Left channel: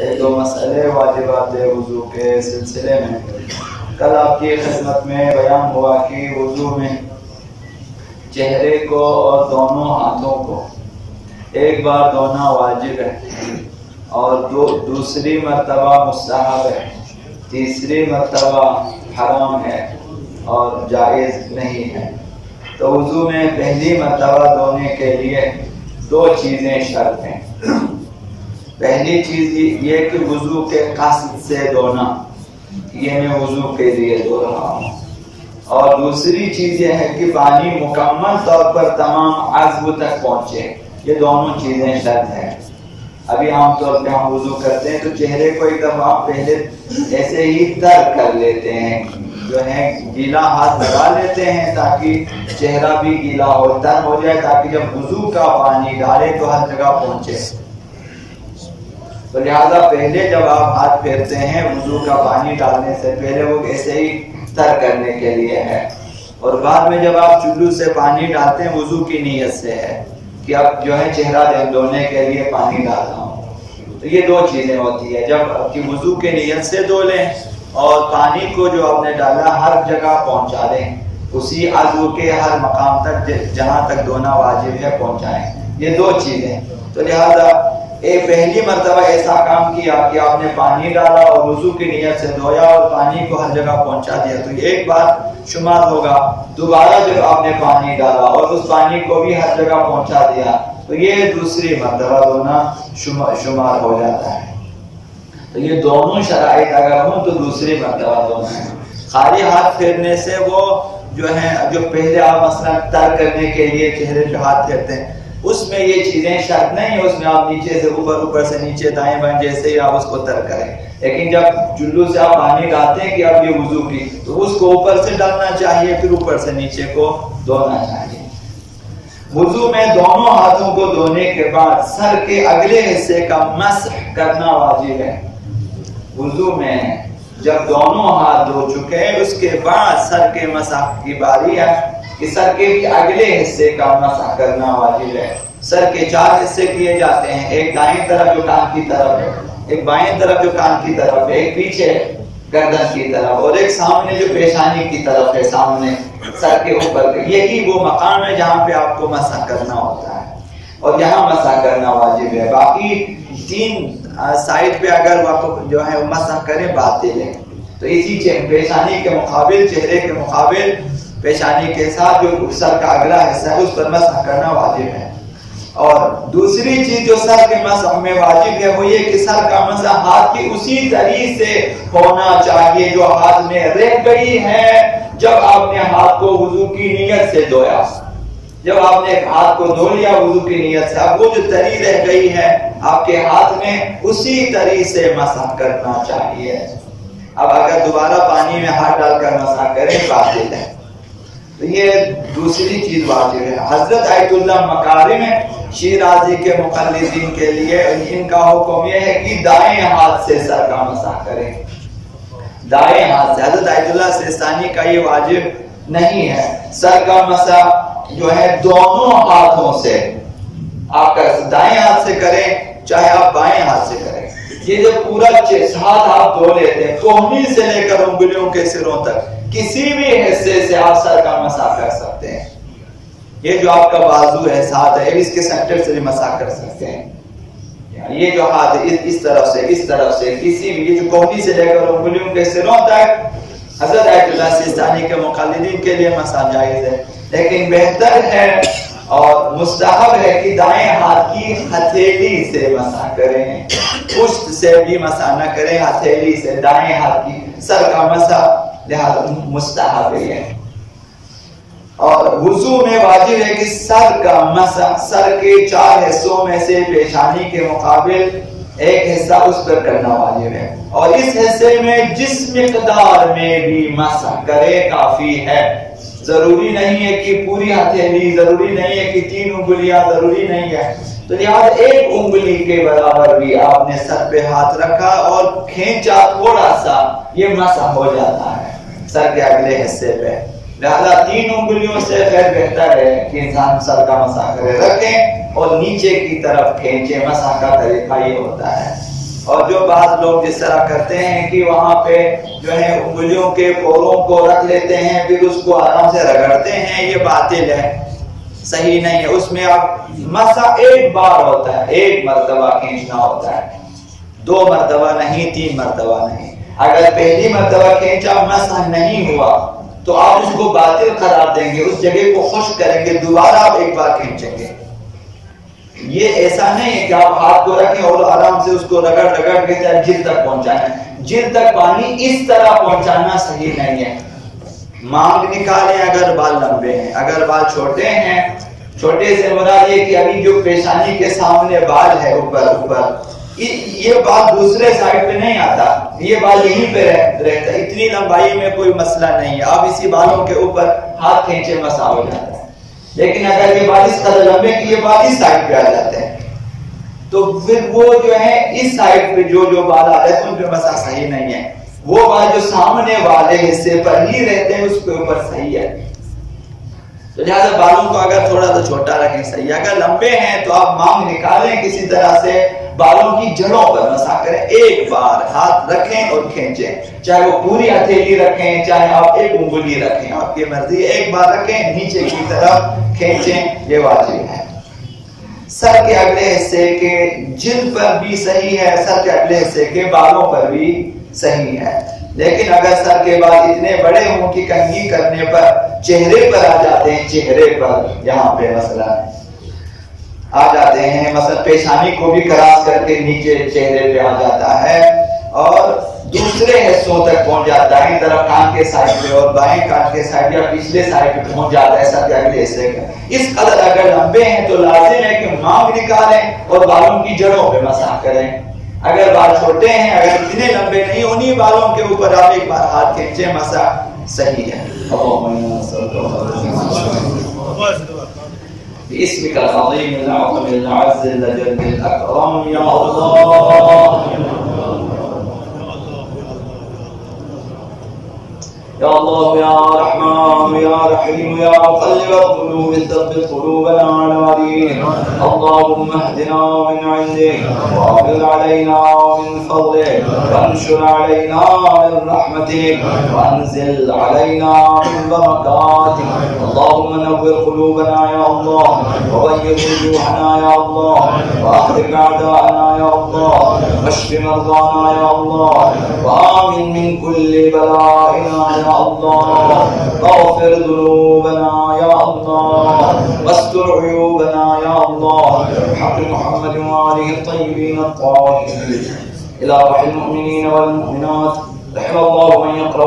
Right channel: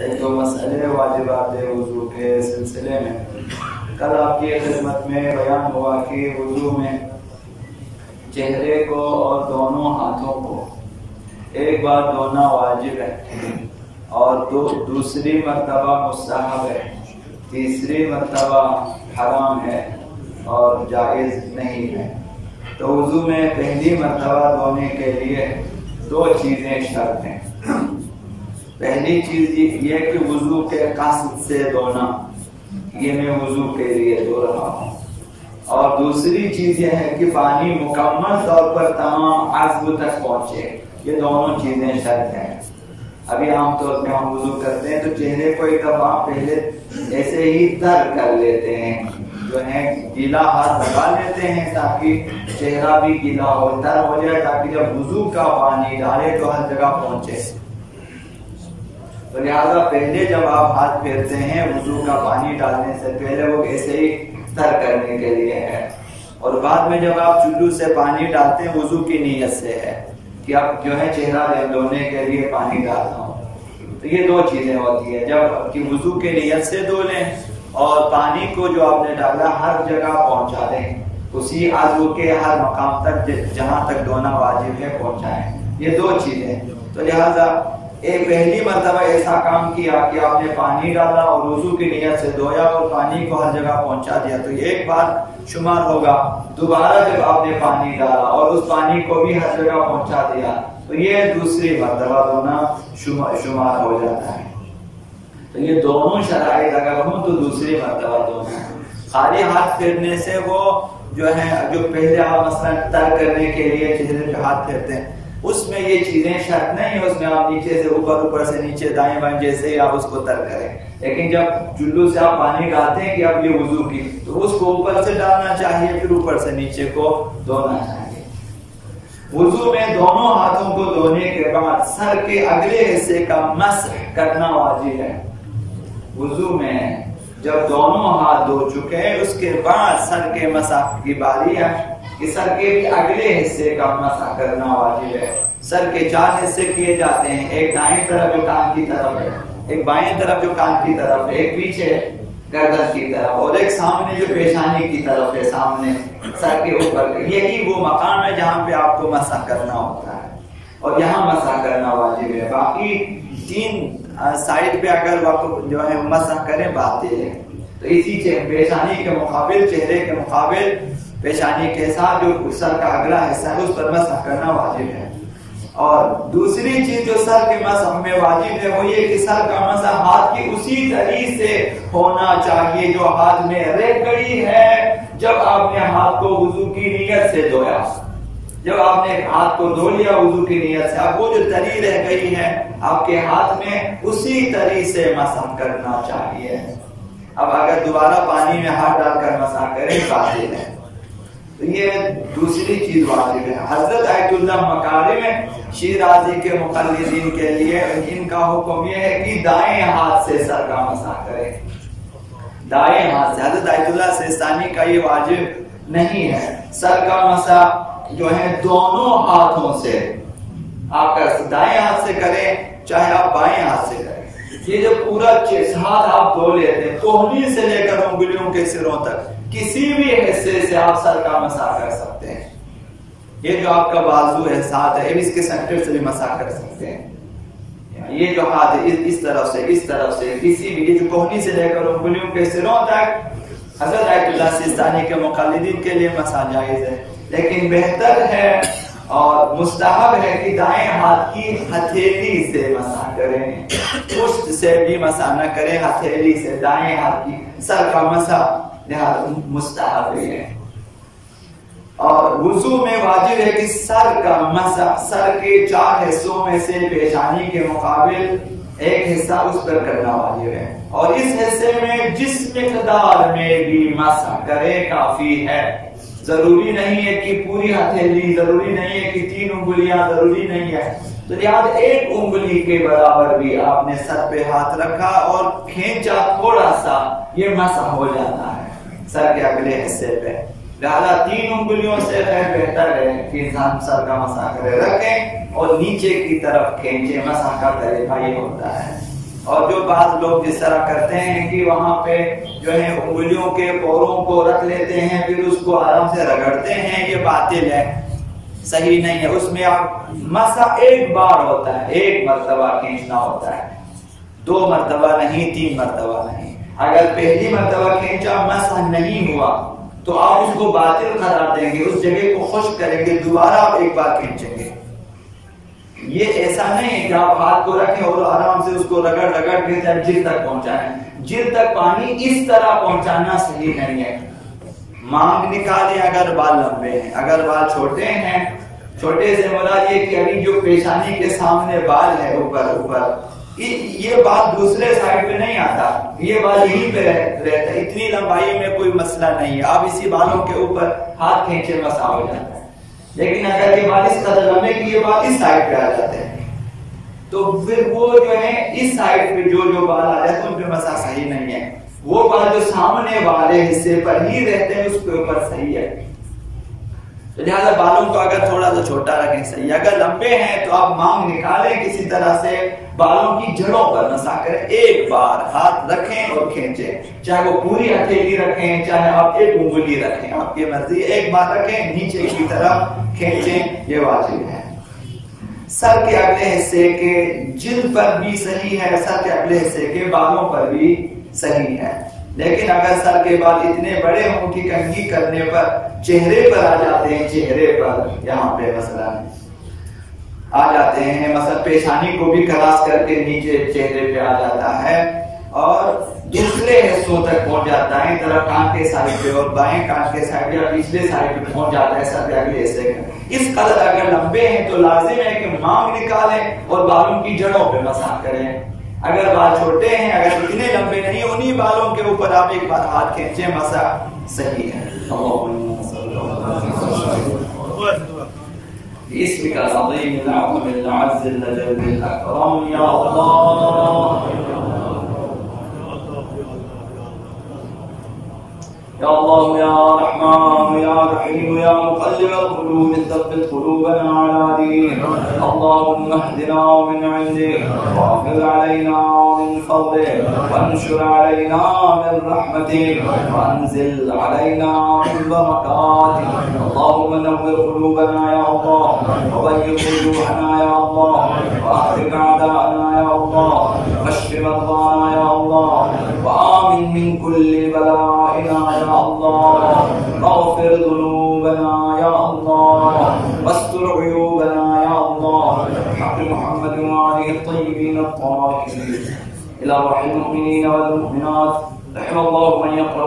ایک دو مسئلے واجبات وضو کے سلسلے میں کل آپ کی خدمت میں بیان ہوا کہ وضو میں چہرے کو اور دونوں ہاتھوں کو ایک بار دھونا واجب ہے اور دوسری مرتبہ مستحب ہے، تیسری مرتبہ حرام ہے اور جائز نہیں ہے۔ تو وضو میں پہلی مرتبہ دھونے کے لیے دو چیزیں شرط ہیں۔ پہلی چیز یہ کہ وضو کے قصد سے دھونا، یہ میں وضو کے لیے دھو رہا ہوں، اور دوسری چیز یہ ہے کہ پانی مکمل طور پر تمام عضو تک پہنچے۔ یہ دونوں چیزیں شرط ہیں۔ ابھی عام طور پہ ہم وضو کرتے ہیں تو چہرے کو ایک دفعہ پہلے ایسے ہی تر کر لیتے ہیں، جو ہے گیلا ہاتھ لگا لیتے ہیں تاکہ چہرہ بھی گیلا ہو، تر ہو جائے، تاکہ جب وضو کا پانی ڈالے تو ہر جگہ پہنچے۔ تو لہذا پہلے جب آپ ہاتھ پھیرتے ہیں وضو کا پانی ڈالنے سے پہلے وہ ایسے ہی تر کرنے کے لیے ہے، اور بعد میں جب آپ چلو سے پانی ڈالتے ہیں وضو کی نیت سے ہے کہ اب جو ہے چہرہ دھونے کے لیے پانی ڈال رہا ہوں۔ تو یہ دو چیزیں ہوتی ہے، جب کہ وضو کے نیت سے دھو لیں اور پانی کو جو آپ نے ڈالا ہر جگہ پہنچا دیں، اسی عضو کے ہر مقام تک جہاں تک دھونا واجب ہے پہنچائیں۔ یہ دو چیزیں۔ تو لہذا پہلی مرتبہ ایسا کام کیا کہ آپ نے پانی ڈالا اور وضو کی نیت سے دھویا اور پانی کو ہر جگہ پہنچا دیا تو یہ ایک بار شمار ہوگا۔ دوبارہ جب آپ نے پانی ڈالا اور اس پانی کو بھی ہر جگہ پہنچا دیا تو یہ دوسری مرتبہ دھونا شمار ہو جاتا ہے۔ تو یہ دونوں شرائط اگر ہوں تو دوسری مرتبہ دھونا ہے۔ خالی ہاتھ پھیرنے سے وہ جو ہے جو پہلے آپ مثلا تر کرنے کے لیے چہرے پہ ہاتھ پھیرتے ہیں اس میں یہ چیزیں شرط نہیں ہے، اس میں آپ نیچے سے اوپر سے نیچے دائیں بائیں جیسے ہی آپ اس کو تر کریں، لیکن جب چلو سے آپ پانی ڈالتے ہیں کہ اب یہ وضو کی تو اس کو اوپر سے ڈالنا چاہیے، پھر اوپر سے نیچے کو دھونا چاہیے۔ وضو میں دونوں ہاتھوں کو دھونے کے بعد سر کے اگلے حصے کا مسح کرنا واجب ہے۔ وضو میں جب دونوں ہاتھ دھو چکے اس کے بعد سر کے مسح کی باری ہے کہ سر کے بھی اگلے حصے کا مسح کرنا واجب ہے۔ سر کے 4 حصے کیے جاتے ہیں، ایک دائیں طرف جو کان کی طرف ہے، ایک بائیں طرف جو کان کی طرف ہے، ایک پیچھے گردن کی طرف اور ایک سامنے جو پیشانی کی طرف ہے، سامنے سر کے اوپر۔ یہی وہ مقام ہے جہاں پہ آپ کو مسح کرنا ہوتا ہے اور یہاں مسح کرنا واجب ہے۔ باقی 3 سائڈ پہ اگر آپ جو ہے مسح کریں باطل ہے۔ تو اسی پیشانی کے مقابل، چہرے کے مقابل پیشانی کے ساتھ جو سر کا اگلا حصہ ہے اس پر مسح کرنا واجب ہے۔ اور دوسری چیز جو سر کے مسح میں واجب ہے وہ یہ کہ سر کا مسح ہاتھ کی اسی طریقے سے ہونا چاہیے جو ہاتھ میں رہ گئی ہے جب آپ نے ہاتھ کو وضو کی نیت سے دھویا۔ جب آپ نے ہاتھ کو دھو لیا وضو کی نیت سے، اب وہ جو تری رہ گئی ہے آپ کے ہاتھ میں اسی طریقے سے مسح کرنا چاہیے۔ اب اگر دوبارہ پانی میں ہاتھ ڈال کر مسح کریں باطل ہے۔ تو یہ دوسری چیز واجب ہے۔ حضرت آیت اللہ مکارم شیرازی کے مقلدین کے لیے ان کا حکم یہ ہے کہ دائیں ہاتھ سے سر کا مسح کریں، دائیں ہاتھ سے۔ حضرت آیت اللہ سیستانی کا یہ واجب نہیں ہے۔ سر کا مسح جو ہے دونوں ہاتھوں سے آپ دائیں ہاتھ سے کریں چاہے آپ بائیں ہاتھ سے کریں۔ یہ جو پورا ہاتھ آپ دھو لیتے ہیں کوہنی سے لے کر انگلیوں کے سروں تک کسی بھی حصے سے آپ سر کا مسح کر سکتے ہیں۔ یہ جو آپ کا بازو ہے، ساتھ ہے، اس کے سینٹر سے بھی مسح کر سکتے ہیں۔ یہ جو ہاتھ ہے اس طرف سے کسی بھی، یہ جو کوہنی سے لے کر انگلیوں کے سروں تک حضرت آیت اللہ سیستانی کے مقلدین کے لیے مسح جائز ہے، لیکن بہتر ہے اور مستحب ہے کہ دائیں ہاتھ کی ہتھیلی سے مسح کریں، پشت سے بھی مسح نہ کریں، ہتھیلی سے دائیں ہاتھ کی سر کا مسح لہذا مستحب ہے۔ اور وضو میں واجب ہے کہ سر کا مسح سر کے 4 حصوں میں سے پیشانی کے مقابل ایک حصہ اس پر کرنا واجب ہے، اور اس حصے میں جس مقدار میں بھی مسح کرے کافی ہے۔ ضروری نہیں ہے کہ پوری ہتھیلی، ضروری نہیں ہے کہ 3 انگلیاں، ضروری نہیں ہے۔ تو لہذا 1 انگلی کے برابر بھی آپ نے سر پہ ہاتھ رکھا اور کھینچا تھوڑا سا، یہ مسح ہو جاتا ہے سر کے اگلے حصے پہ۔ لہذا 3 انگلیوں سے خیر بہتر ہے کہ انسان سر کا مسح کرے، رکھیں اور نیچے کی طرف کھینچے۔ مسح کا طریقہ یہ ہوتا ہے۔ اور جو بعض لوگ جس طرح کرتے ہیں کہ وہاں پہ جو ہے انگلیوں کے پوروں کو رکھ لیتے ہیں پھر اس کو آرام سے رگڑتے ہیں، یہ باطل ہے، صحیح نہیں ہے۔ اس میں آپ مسح ایک بار ہوتا ہے، ایک مرتبہ کھینچنا ہوتا ہے، 2 مرتبہ نہیں، 3 مرتبہ نہیں۔ اگر پہلی مرتبہ کھینچا مسح نہیں ہوا تو آپ اس کو باطل قرار دیں گے، اس جگہ کو خشک کریں گے، دوبارہ آپ ایک بار کھینچیں گے۔ یہ ایسا نہیں ہے کہ آپ ہاتھ کو رکھیں اور آرام سے اس کو رگڑ کے جلد تک پہنچانا ہے۔ جلد تک پانی اس طرح پہنچانا صحیح نہیں ہے۔ مانگ نکالیں اگر بال لمبے ہیں، اگر بال چھوٹے ہیں، چھوٹے سے مراد یہ کہ ابھی جو پیشانی کے سامنے بال ہے اوپر یہ بال دوسرے سائڈ پہ نہیں آتا، یہ بال یہیں پہ رہتا ہے، اتنی لمبائی میں کوئی مسئلہ نہیں ہے، آپ اسی بالوں کے اوپر ہاتھ کھینچے مسا ہو جاتا ہے۔ لیکن اگر یہ بال اس قدر لمبے کہ یہ بال اس سائڈ پہ آ جاتے ہیں تو پھر وہ جو ہے اس سائڈ پہ جو بال آ جاتے ہیں ان پہ مسا صحیح نہیں ہے، وہ بال جو سامنے والے حصے پر ہی رہتے ہیں اس کے اوپر صحیح ہے۔ تو لہٰذا بالوں کو اگر تھوڑا سا چھوٹا رکھیں صحیح، اگر لمبے ہیں تو آپ مانگ نکالیں، کسی طرح سے بالوں کی جڑوں پر مسح کریں، ایک بار ہاتھ رکھیں اور کھینچیں، چاہے وہ پوری ہتھیلی رکھیں چاہے آپ ایک انگلی رکھیں، آپ کی مرضی، ایک بار رکھیں نیچے کی طرف کھینچیں، یہ واجب ہے۔ سر کے اگلے حصے کے جلد پر بھی صحیح ہے، سر کے اگلے حصے کے بالوں پر بھی صحیح ہے، لیکن اگر سر کے بال اتنے بڑے ہوں کہ کنگھی کرنے پر چہرے پر آ جاتے ہیں، چہرے پر یہاں پہ مثلا آ جاتے ہیں، مثلا پیشانی کو بھی کراس کر کے نیچے چہرے پہ آ جاتا ہے اور دوسرے حصوں تک پہنچ جاتا ہے، طرف کان کے سائڈ پہ اور بائیں کان کے سائڈ یا پچھلے سائڈ پہ پہنچ جاتا ہے سر کے اگلے حصے کا، اس قدر اگر لمبے ہیں تو لازم ہے کہ مانگ نکالیں اور بالوں کی جڑوں پہ مسح کریں۔ اگر بال چھوٹے ہیں، اگر اتنے لمبے نہیں، انہی بالوں کے اوپر آپ ایک بار ہاتھ کھینچیں، مسح صحیح ہے۔ باسمك العظيم الأعظم الأعز الأجل الأكرم يا الله يا الله يا رحمن يا رحيم يا مقلب القلوب ثبت قلوبنا على دينك، اللهم اهدنا من عندك واغفر علينا من فضلك وانشر علينا من رحمتك وانزل علينا من بركاتك، اللهم نور قلوبنا يا الله وبيض وجوهنا يا الله واخرج اعداءنا يا الله واشف مرضانا يا الله وآمن من كل بلائنا يا الله، اغفر ذنوبنا يا الله واستر عيوبنا يا الله، بحق محمد وآله الطيبين الطاهرين. إلى روح المؤمنين والمؤمنات، رحم الله من يقرأ